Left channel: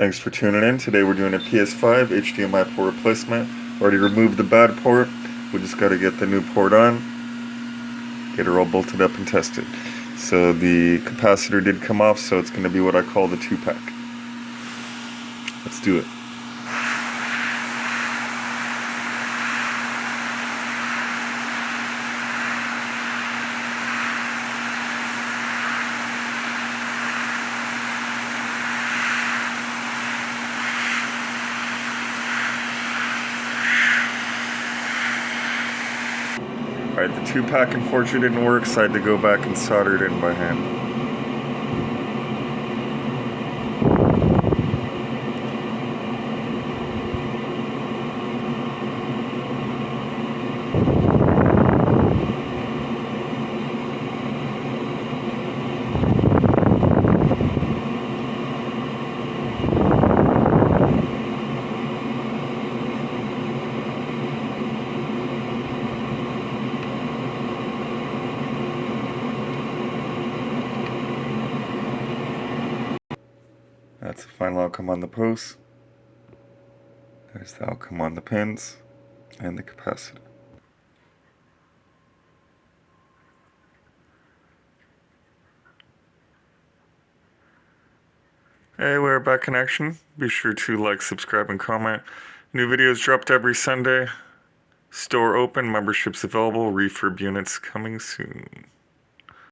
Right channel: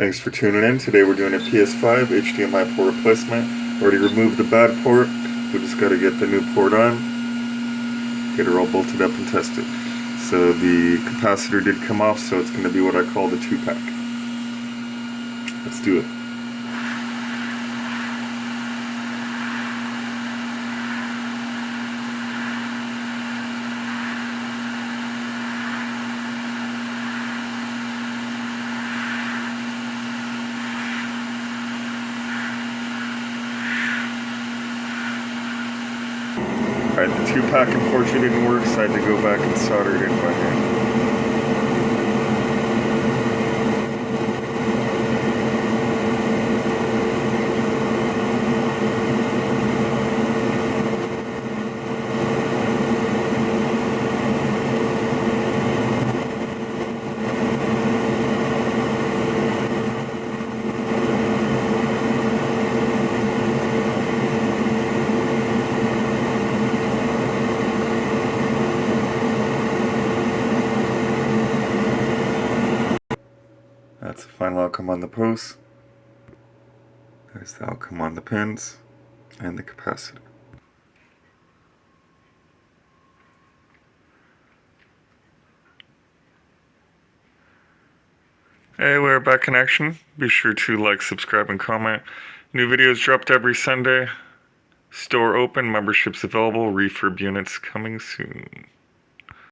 Thanks for tuning in. Today we're doing a PS5 HDMI port replacement. Already removed the bad port. We just got to get the new port on, get her all bolted up and tested. So the capacitor did come off, so it's going to be what I call the 2-pack. Let's do it. Alright, the 2-pack unfortunately didn't work, so I had to go back and solder it in by hand. That's the final outcome on the post. There's the outcome on the pins and the capacitor. Hey, we're back in action. Be sure to like, subscribe, and comment. New videos dropped every Sunday. Store open, memberships available, refurb units coming soon.